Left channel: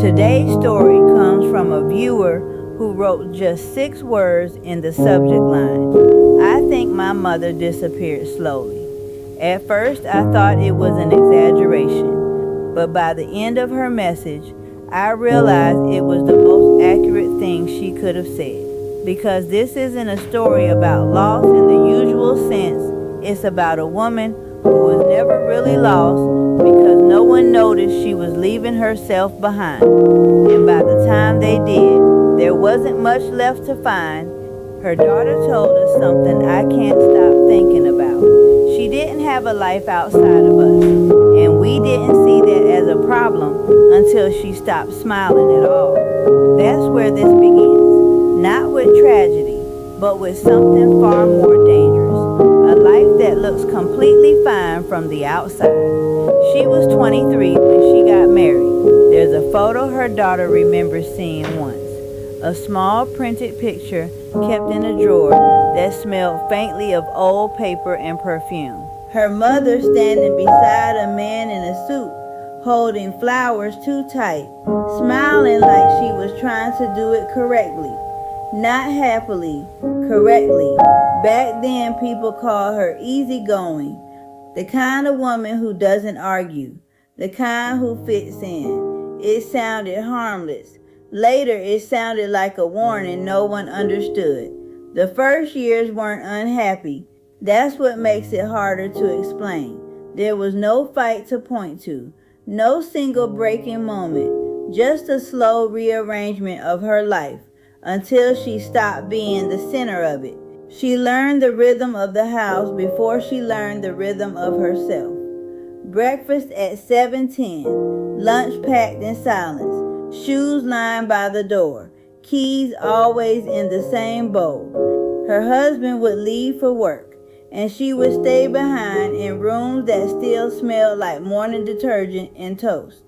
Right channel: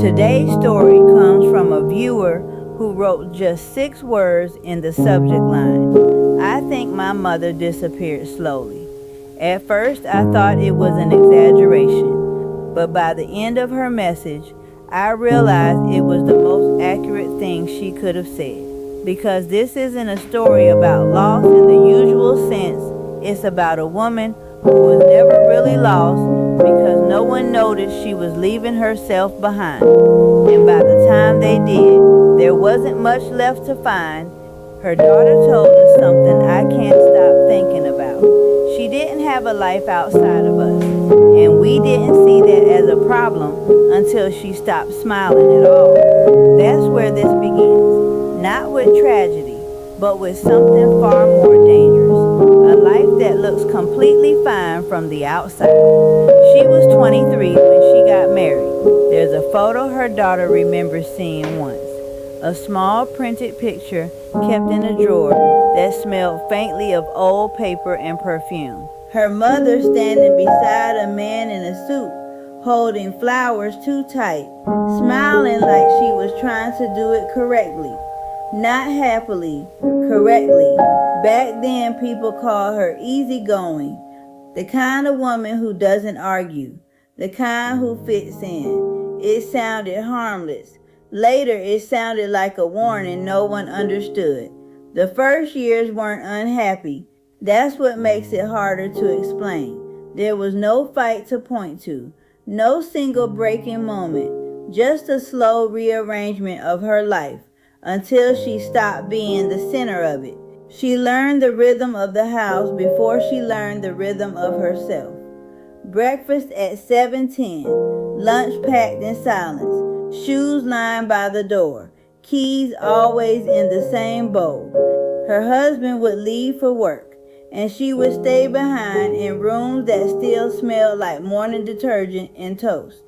Today's story comes from a viewer who wrote just 6 words in the subject line. I think my mother disappeared slowly. At first, I thought it was an exaggeration, but by the end of her message, I realized it was the most accurate thing she could have said. Because this isn't a story about loss in the usual sense, it's about a woman who was never really lost because no one noticed she was leaving herself behind. And by the time they did, there wasn't much left to find. Her daughter told us something I can't stop thinking about. She didn't have a life outside of us, and we didn't see that as a problem until she stopped smiling at all. That's where this begins, not with tragedy, but with something far more dangerous. A life that looks completely fine from the outside. She was 23 when she got married. There's a photo her daughter remembers seeing once. A small printed picture kept in a drawer that smelled faintly of old paper and perfume. Her mother standing beside a man in a suit, holding flowers too tight, smiling like she was trying to do it correctly. Not happily, correctly. Back then, people called her easygoing, the kind of woman who doesn't argue, the kind who fits in. It sounded harmless. Later, it sounded like a warning no one understood. The first years weren't unhappy. That's what makes it harder to explain. There was no fight to point to, no single breaking moment, just a slow rearrangement of her life until she stopped being the center of it. She learned the rhythm of the house before she learned the rhythm of herself. Breakfast at 7:10, lunch packed in silence, shoes lined by the door, keys always in the same bowl. Her husband would leave for work, and she would stay behind in rooms that still smelled like morning detergent and toast.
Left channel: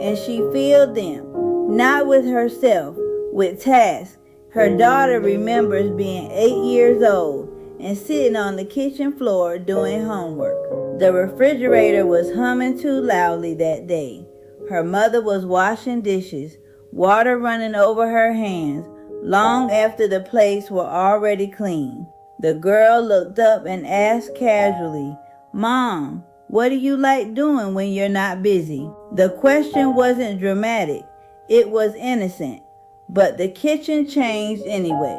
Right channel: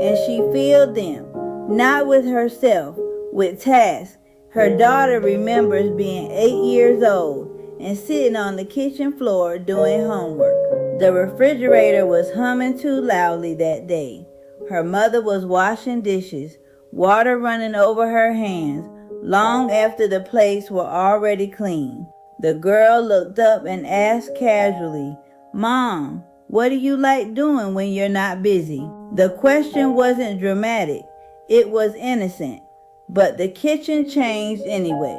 And she filled them, not with herself, with tasks. Her daughter remembers being 8 years old and sitting on the kitchen floor doing homework. The refrigerator was humming too loudly that day. Her mother was washing dishes, water running over her hands, long after the plates were already clean. The girl looked up and asked casually, "Mom, what do you like doing when you're not busy?" The question wasn't dramatic, it was innocent. But the kitchen changed anyway.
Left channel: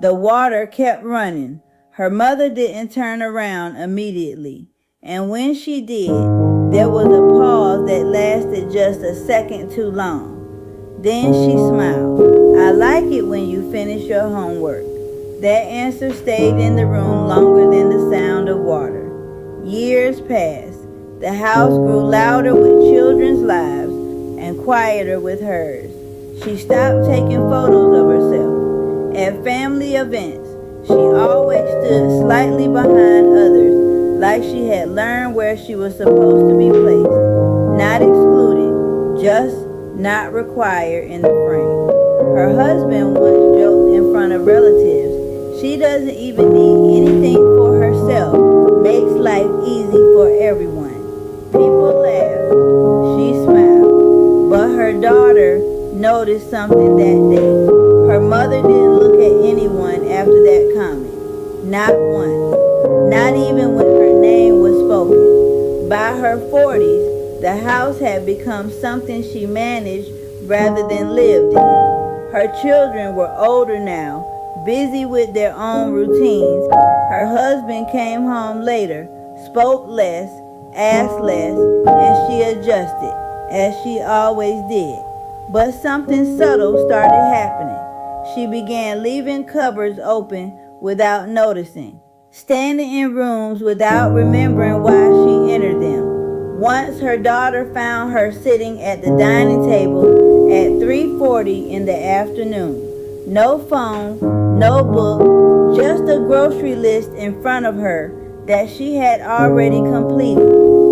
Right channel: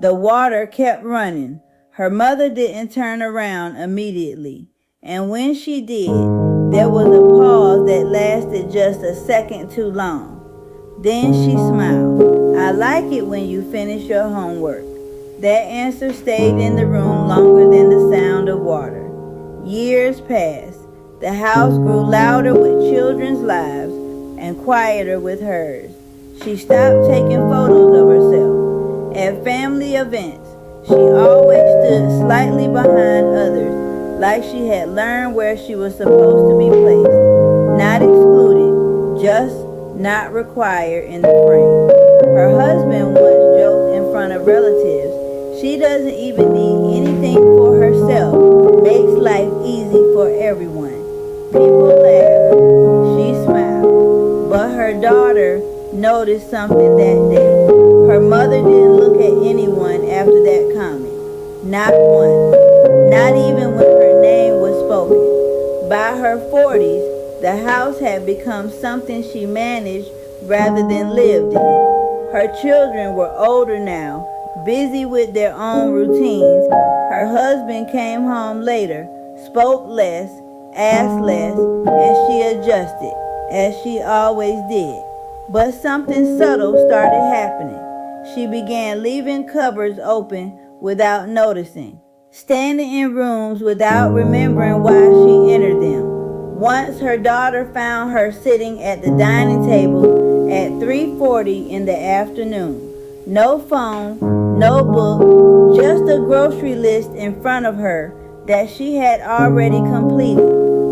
The water kept running. Her mother didn't turn around immediately. And when she did, there was a pause that lasted just a second too long. Then she smiled. "I like it when you finish your homework." That answer stayed in the room longer than the sound of water. Years passed. The house grew louder with children's lives and quieter with hers. She stopped taking photos of herself. At family events, she always stood slightly behind others, like she had learned where she was supposed to be placed. Not excluded, just not required in the frame. Her husband once joked in front of relatives, "She doesn't even need anything for herself, makes life easy for everyone." People laughed. She smiled. But her daughter noticed something that day. Her mother didn't look at anyone after that comment. Not once. Not even when her name was spoken. By her 40s, the house had become something she managed rather than lived in. Her children were older now, busy with their own routines. Her husband came home later, spoke less, asked less, and she adjusted, as she always did. But something subtle started happening. She began leaving cupboards open without noticing, standing in rooms without remembering why she entered them. Once her daughter found her sitting at the dining table at 3:40 in the afternoon. No phone, no book, just a grocery list in front of her that she had already completed.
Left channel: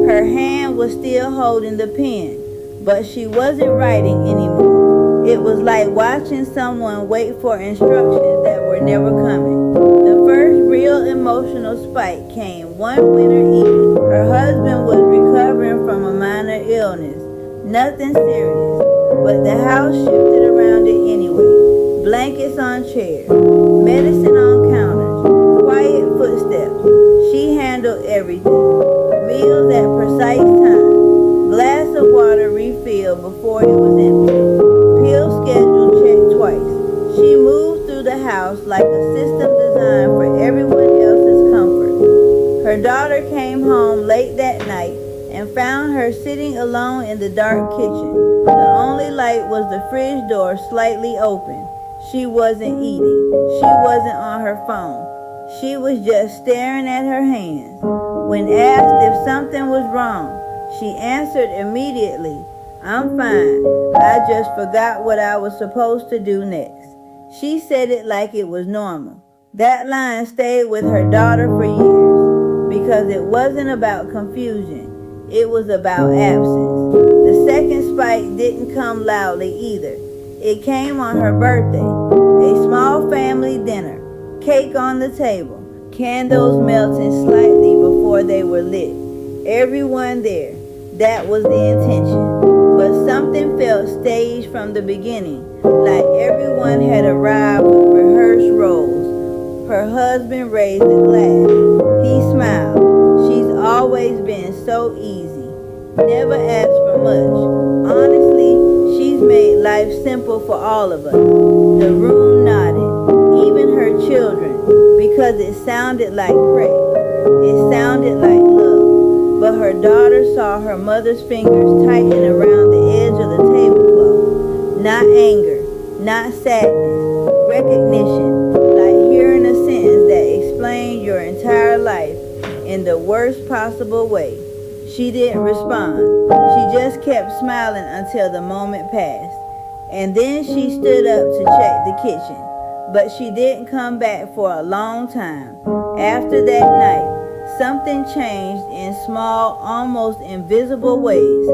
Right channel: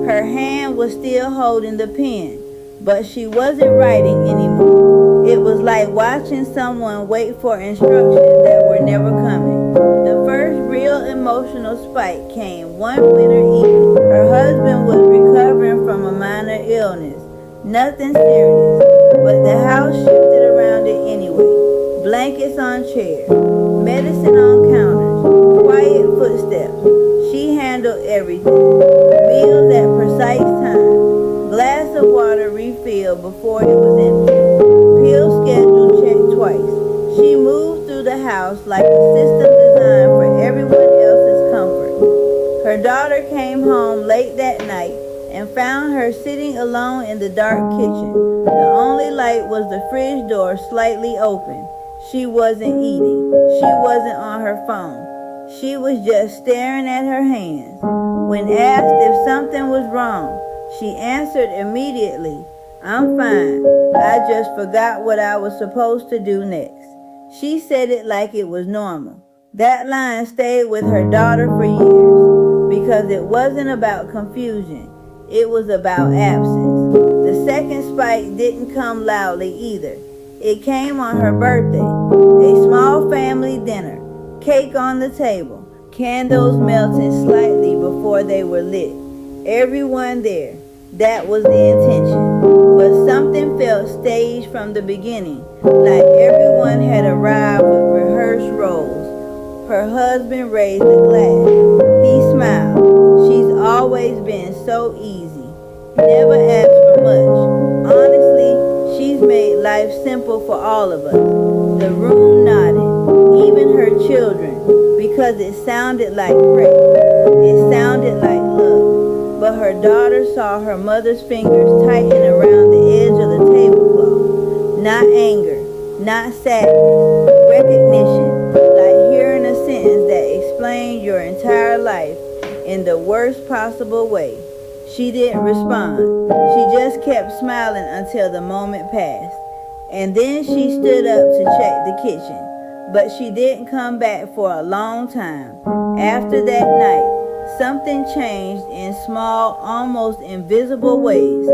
Her hand was still holding the pen, but she wasn't writing anymore. It was like watching someone wait for instructions that were never coming. The first real emotional spike came one winter evening. Her husband was recovering from a minor illness. Nothing serious. but the house shifted around it anyway. Blankets on chairs, medicine on counters, quiet footsteps. She handled everything. Meals at precise time, glass of water refilled before it was empty, pill schedule checked twice. She moved through the house like a system designed for everyone else's comfort. Her daughter came home late that night and found her sitting alone in the dark kitchen. The only light was the fridge door slightly open. She wasn't eating. She wasn't on her phone. She was just staring at her hands. When asked if something was wrong, she answered immediately, "I'm fine. I just forgot what I was supposed to do next." She said it like it was normal. That line stayed with her daughter for years because it wasn't about confusion. It was about absence. The second spike didn't come loudly either. It came on her birthday. A small family dinner, cake on the table, candles melting slightly before they were lit. Everyone there. That was the intention. But something felt staged from the beginning, like everyone had arrived with rehearsed roles. Her husband raised a glass. He smiled. She's always been so easy. Never asked for much. Honestly, she's made life simple for all of us. The room nodded, even her children, because it sounded like praise. It sounded like love. But her daughter saw her mother's fingers tighten around the edge of the tablecloth. Not anger, not sadness, recognition, like hearing a sentence that explained your entire life in the worst possible way. She didn't respond. She just kept smiling until the moment passed. And then she stood up to check the kitchen. But she didn't come back for a long time. After that night, something changed in small, almost invisible ways.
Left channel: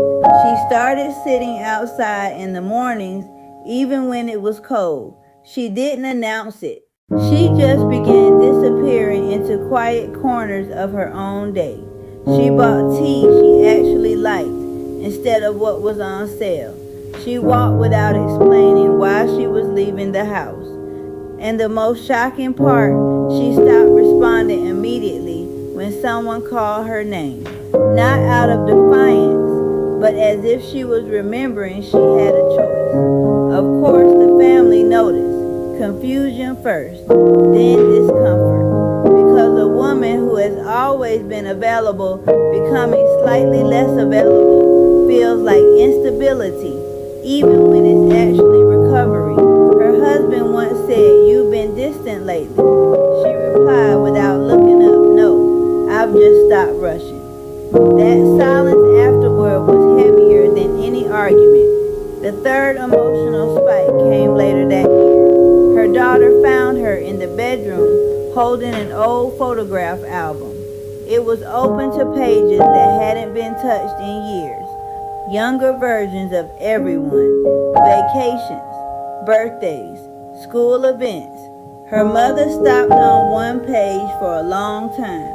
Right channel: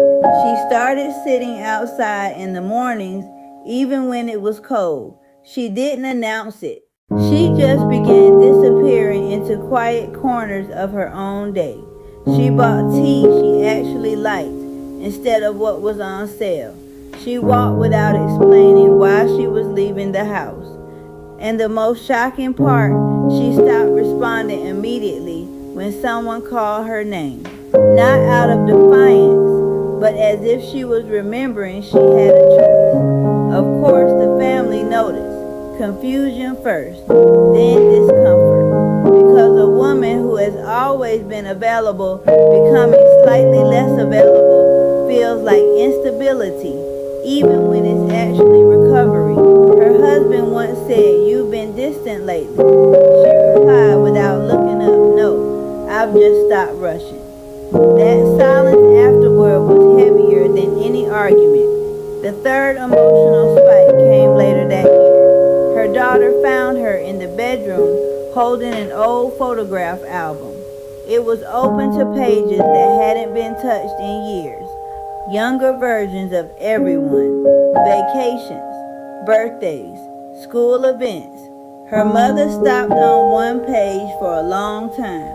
She started sitting outside in the mornings, even when it was cold. She didn't announce it. She just began disappearing into quiet corners of her own day. She bought tea she actually liked instead of what was on sale. She walked without explaining why she was leaving the house. And the most shocking part, she stopped responding immediately when someone called her name. Not out of defiance, but as if she was remembering she had a choice. Of course, the family noticed. Confusion first, then discomfort. Because a woman who has always been available, becoming slightly less available, feels like instability, even when it's actually recovery. Her husband once said, "You've been distant lately." She replied without looking up, "No, I've just stopped rushing." That silence afterward was heavier than any argument. The third emotional spike came later that year. Her daughter found her in the bedroom holding an old photograph album. It was open to pages that hadn't been touched in years. Younger versions of everyone, vacations, birthdays, school events. Her mother stopped on one page for a long time.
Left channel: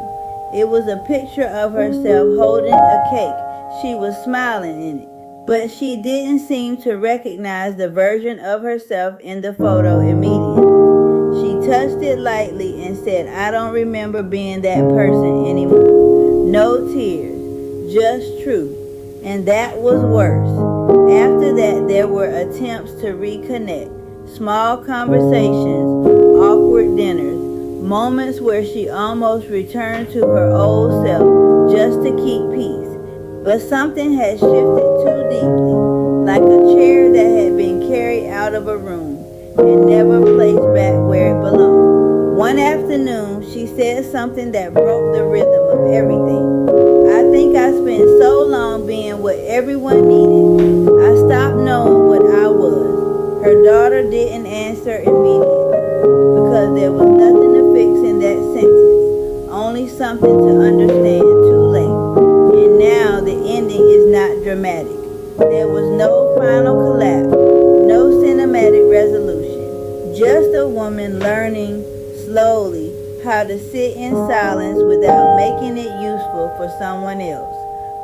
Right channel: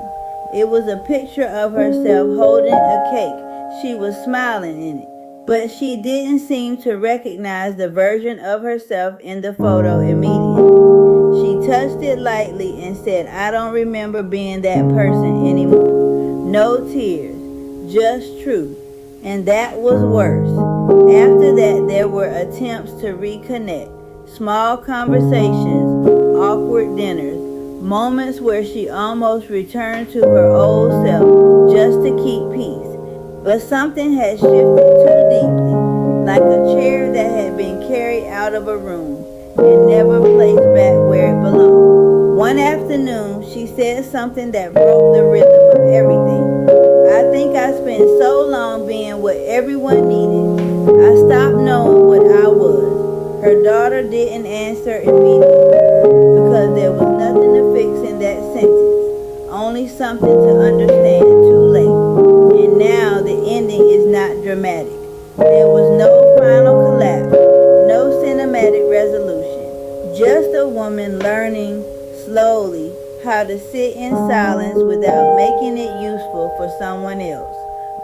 It was a picture of herself holding a cake. She was smiling in it, but she didn't seem to recognize the version of herself in the photo immediately. She touched it lightly and said, "I don't remember being that person anymore." No tears, just truth. And that was worse. After that, there were attempts to reconnect. Small conversations, awkward dinners, moments where she almost returned to her old self just to keep peace. But something had shifted too deeply, like a chair that had been carried out of a room and never placed back where it belonged. One afternoon, she said something that broke the rhythm of everything. "I think I spent so long being what everyone needed. I stopped knowing what I was." Her daughter didn't answer immediately because there was nothing to fix in that sentence, only something to understand too late. And now the ending is not dramatic. There was no final collapse, no cinematic resolution, just a woman learning slowly how to sit in silence without making it useful for someone else.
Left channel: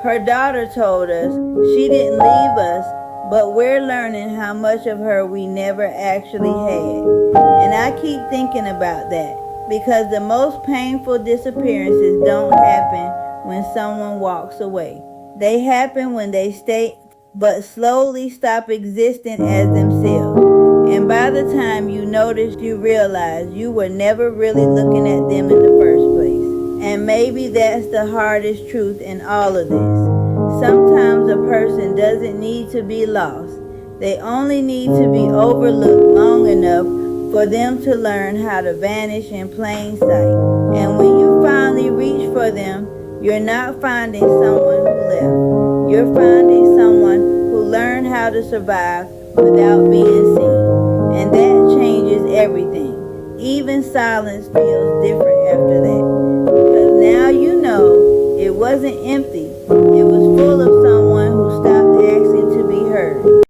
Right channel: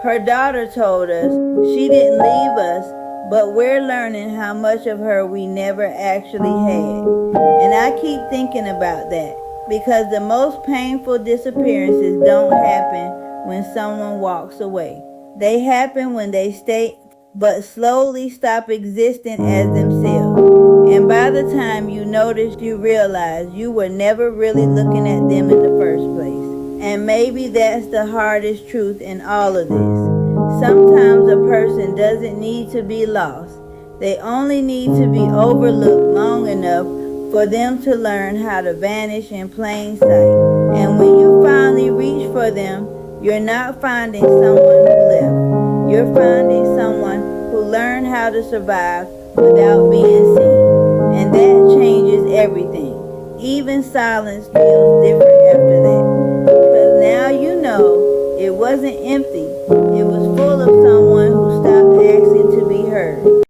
Her daughter told us she didn't leave us, but we're learning how much of her we never actually had. And I keep thinking about that because the most painful disappearances don't happen when someone walks away. They happen when they stay but slowly stop existing as themselves. And by the time you notice, you realize you were never really looking at them in the first place. And maybe that's the hardest truth in all of this. Sometimes a person doesn't need to be lost. They only need to be overlooked long enough for them to learn how to vanish in plain sight. And when you finally reach for them, you're not finding someone who left. You're finding someone who learned how to survive without being seen. And that changes everything. Even silence feels different after that. Because now you know it wasn't empty. It was full of